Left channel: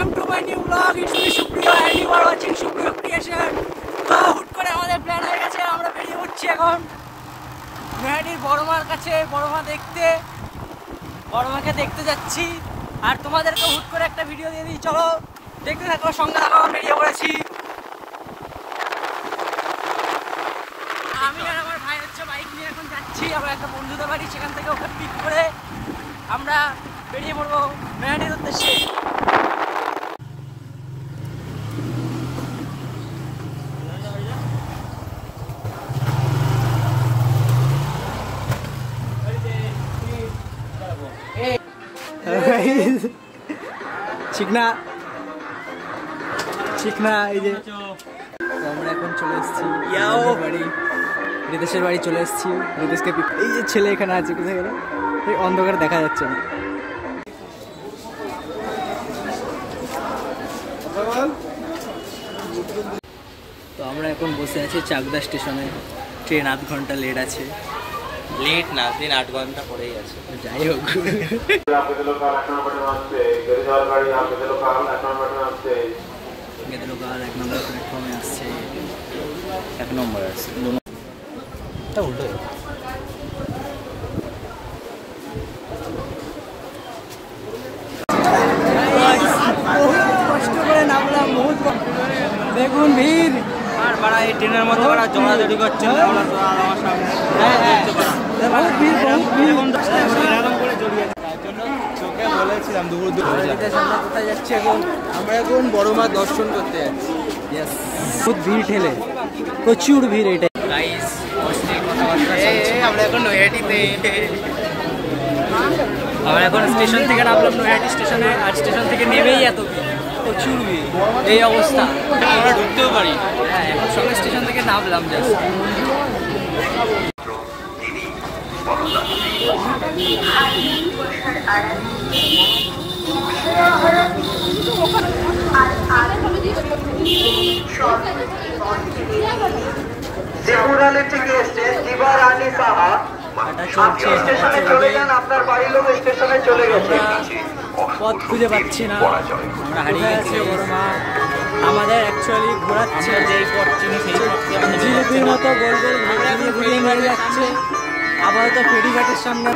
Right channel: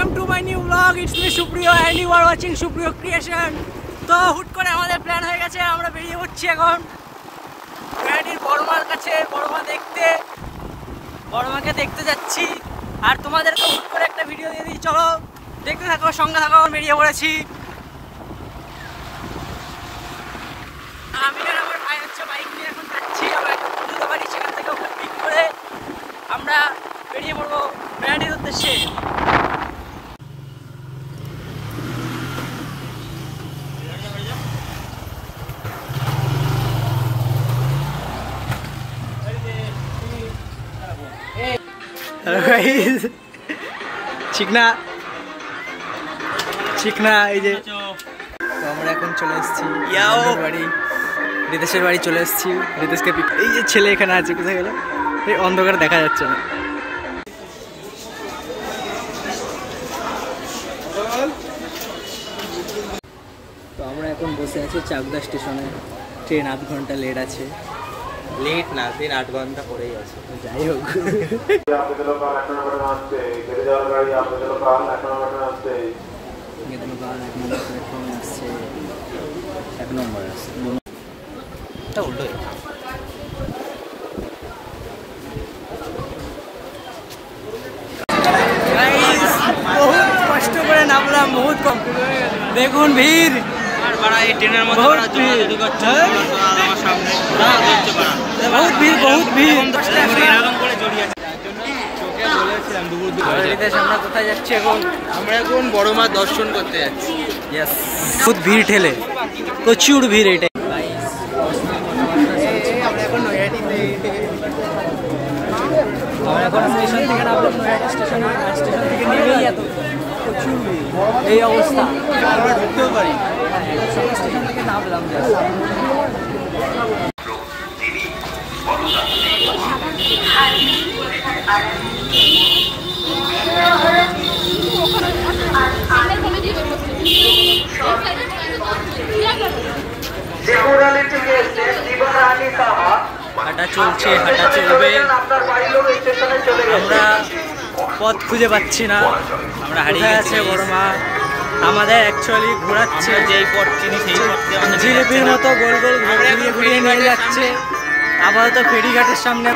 welcome to my new vlog. It's me Supriya and you are watching Supriya Creation. তো হুট করে আমাদের plan হয়ে গেছে, আমরা বেরিয়ে পড়ছি এখন নৈহাটির বড়মার কাছে, বড়মাকে দেখতে যাচ্ছি। আর তোমাদেরকে হুট করে একটা ভিডিও দিয়ে দিই, চলো দেখতে থাকো, সঙ্গে থাকো। বেরিয়ে পড়েছি আমি আর আমার ভাই হচ্ছে বাইক নিয়ে এখন যাচ্ছি আমরা একটা বন্ধুদের বাড়ি, সেখান থেকে ওকে পিক করে আমরা বেরিয়ে পড়বো নৈহাটির উদ্দেশ্যে। চিকনা এই যে তো আমরা এখন চলে এসেছি বাড়ি, রিতেশের বাড়ি চলে এসেছি। রিতেশকে পিক, এই যে ছেলে এখানে আছে, কোথায় গেল? এই অন্ধকারে দেখা যাচ্ছে না। তো আমরা এখন বসে আছি চাকদা স্টেশনে, ট্রেন 8 ঘন্টা লেট আছে। লেট না, ট্রেন 8 ঘন্টা পরেই আছে। যাই হোক, গেদলোকাল 1 নম্বর প্ল্যাটফর্মে আসছে, 1 নম্বর আসছে, এটা উল্টো। বহুত কষ্ট করে নামলাম, বহুত কম, দেখুন ভিড়, বহুত ভিড়, বহুত ভিড়। আমরা কোথায় যাচ্ছি এখন? আমরা এখন বড়মা দর্শন করতে যাচ্ছি। ইয়েস, বহুত ভিড় ঠেলে, প্রচুর ভিড়। এটা আমরা এখন নৈহাটিতে, আমরা এখন স্টেশন থেকে নামলাম নৈহাটি স্টেশনে। আর স্টেশন থেকে নেমেই এত প্রচুর ভিড়, এই অবস্থা, আমরা ঢুকতেও পারি। হ্যাঁ, এখন সবাই স্টেশন থেকে নামলাম জাস্ট। হাঁটা চলছে, হাঁটা চলবে। আমরা পথ খুঁজে পাচ্ছি না, আমরা হারিয়ে গেছি। বড়মা আমাদের অ্যাকচুয়ালি ঘোরাচ্ছে, যেই পথ চিনি সেই পথে জিলিপির মতো গোল গোল ঘুরিয়ে ঘুরিয়ে নিয়ে যাচ্ছে। আপাতত ফেরিঘাটের সামনে,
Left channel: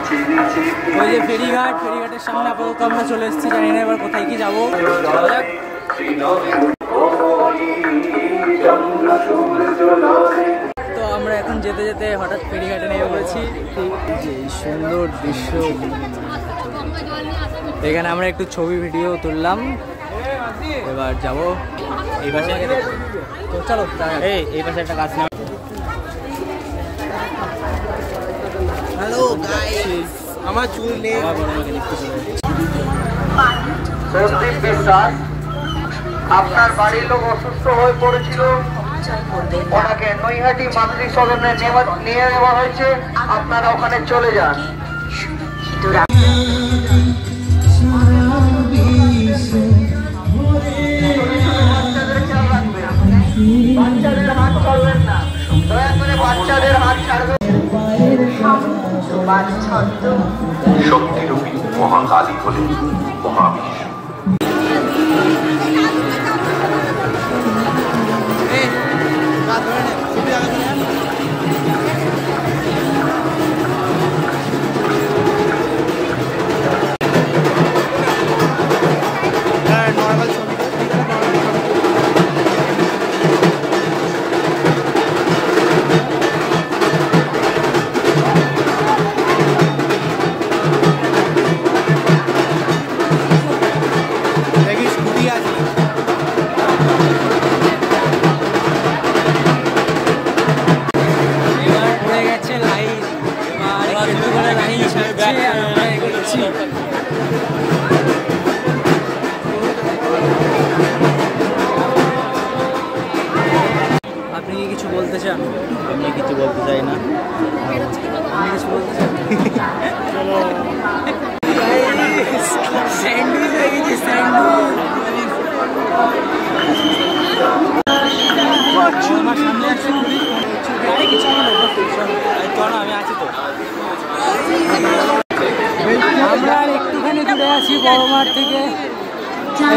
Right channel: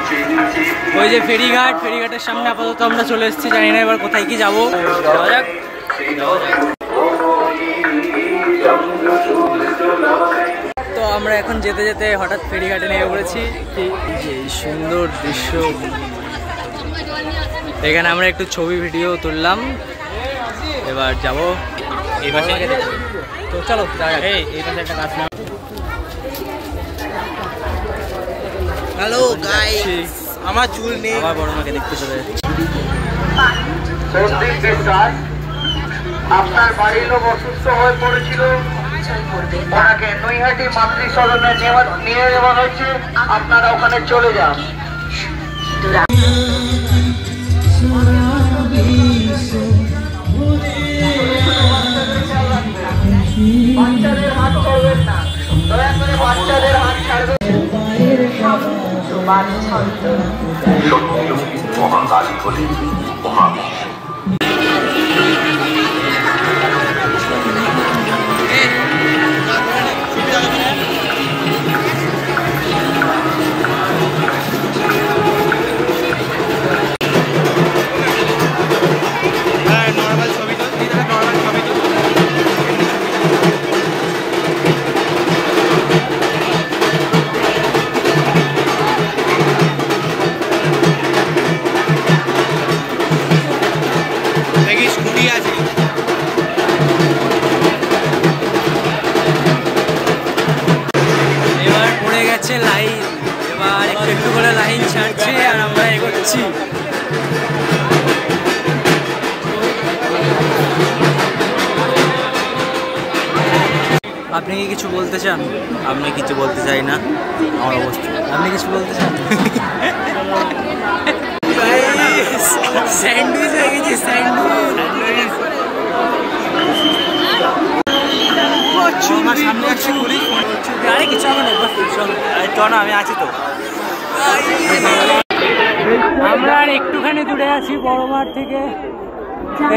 ওই যে ফেরিঘাটের সামনে আপাতত আমরা চলে এসেছি। জানি না এবার কোথায় কি যাবো, যাওয়া যাক। তো আমরা এখন যেতে যেতে হঠাৎ ফেরিঘাটে নেমে পড়েছি। যে সুন্দর দৃশ্য, এখানে আমরা একটু ছবি ভিডিও তুললাম, এবার যাবো এই পাশে। তো চলো যাওয়া যাক। এই পাশে একটা গাছ নাম। হ্যালো গাইস, আমার চুল নেই, আমার বড়মাকে দেখতে চলে যাচ্ছি। আপনার বাড়ির লোক অসুস্থ হয়ে পড়েছিল, ওনাকে নৈহাটি মাতৃ সদনে নিয়ে যাওয়া হয়েছে, আপনারা ওখানে চলে যান। বাচ্চাদের হাত ছাড়বেন না, দয়া করে বাচ্চাদের হাত ছাড়বেন। শক্তিরূপী মহাকালী হলেন মহাবিশ্ব। আপনি কি কিছু বলতে চান? আমি কিছু বলতে চাই না, আমার অবস্থা। আপনি কিছু বলতে চান? স্যান্ডউইচ হয়ে গেছে, স্যান্ডউইচ। আমার সামনে আসছে ঘুরি, আরে কিছু আমার অভ্যাস, চল না, আমি আছি তো। আমরা আর একটুখানি দূরে আছি বড়মার থেকে।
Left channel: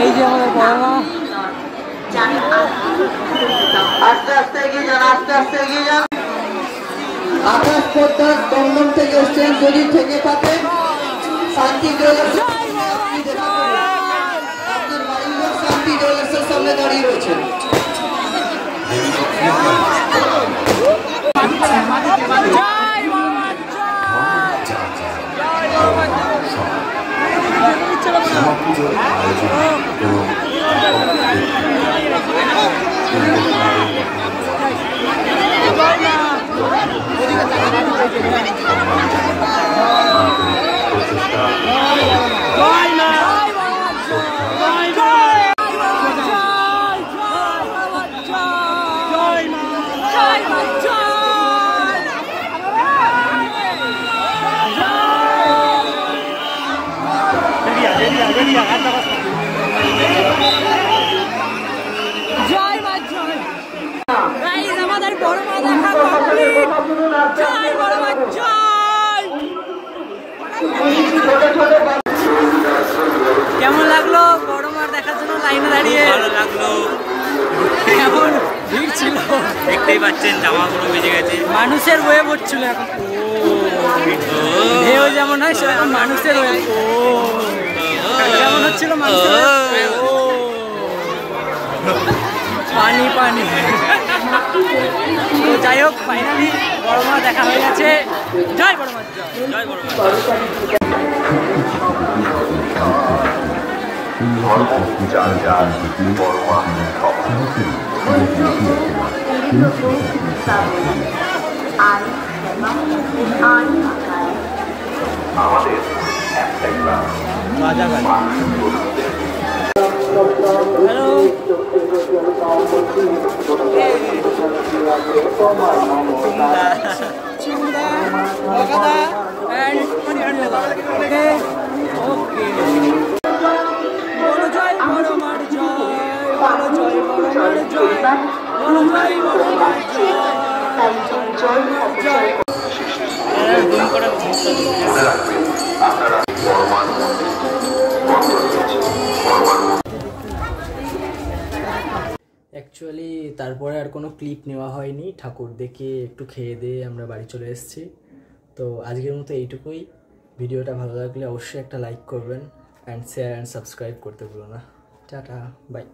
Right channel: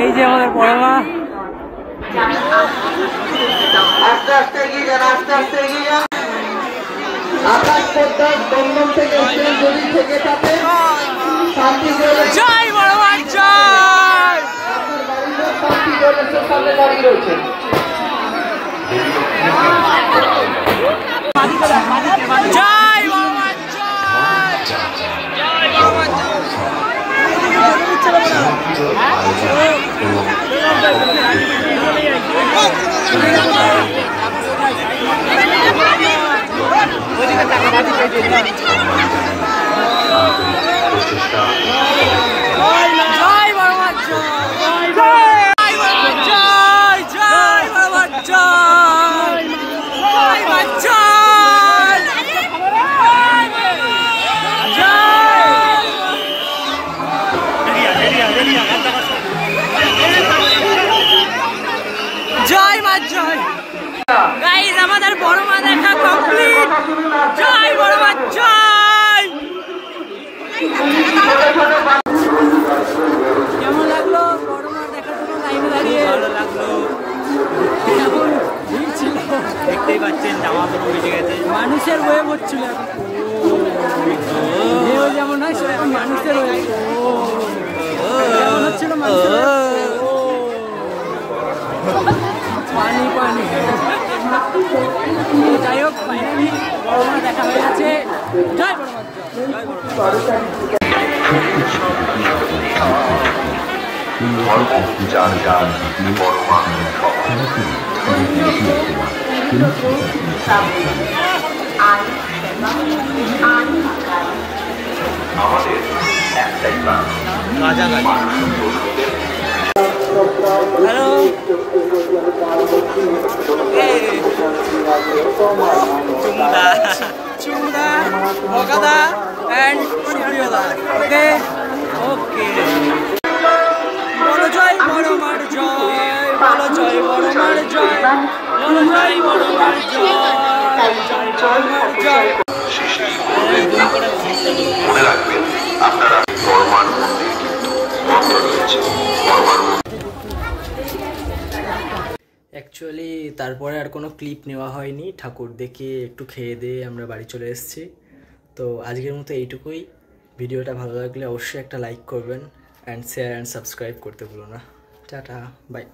এই যে আমাদের বড় মা। আস্তে আস্তে এগিয়ে যান, আস্তে আস্তে এগিয়ে যান। আকাশ পোদ্দার দমদম থেকে এসছেন, যদি থেকে থাকেন শান্তি জুয়েলার্স। জয় বড় মা জয়। আপনার বাড়ির লোক শান্তি জুয়েলার্সের সামনে দাঁড়িয়ে রয়েছেন। জয় বড় মা জয়। জয় বড় মা জয়। জয় বড় মা জয়। জয় বড় মা জয়। জয় মা জয়। জয় মা জয়। গাইস আমাদের বড় মা দেখা কমপ্লিট। জয় বড় মা জয়। কেমন লাগলো বড় মা দেখার জন্য লাইনে দাঁড়িয়ে? ভালো লাগলো, কেমন ভিড় ছিল দেখতেই পাচ্ছেন জামা পুরো ভিজে গেছে। মানুষের ওয়েভ হচ্ছিল এখন। ঢেউ যেমন হয় সেরকম মানুষের ওয়েভ যেমন হচ্ছিল মানুষের wave। পানি পানি। তো যাই হোক ফাইনালি বড় মা দেখা হয়ে গেছে। জয় বড় মা জয়। জয় বড় মা। হ্যালো চুমদা, চুমদা, ভগাদা অ্যান্ড সুপ্রিয়দা। Okay okay. বলো জয় বড় মার জয়। বলো জয় বড় মার জয়। বলো জয় বড় মার জয়। জয় বড় মার জয়। অ্যাকচুয়ালি তারপরে আর কোনো ক্লিপ নেওয়া হয়নি। ঠাকুর দেখে একটু খেয়ে দিয়ে আমরা বাড়ি চলে এসেছি। তো আজকের মতো এইটুকুই। ভিডিওটা ভালো লাগলে অবশ্যই একটা লাইক করবেন অ্যান্ড শেয়ার অ্যান্ড সাবস্ক্রাইব করতে ভুলো না। Tata bye.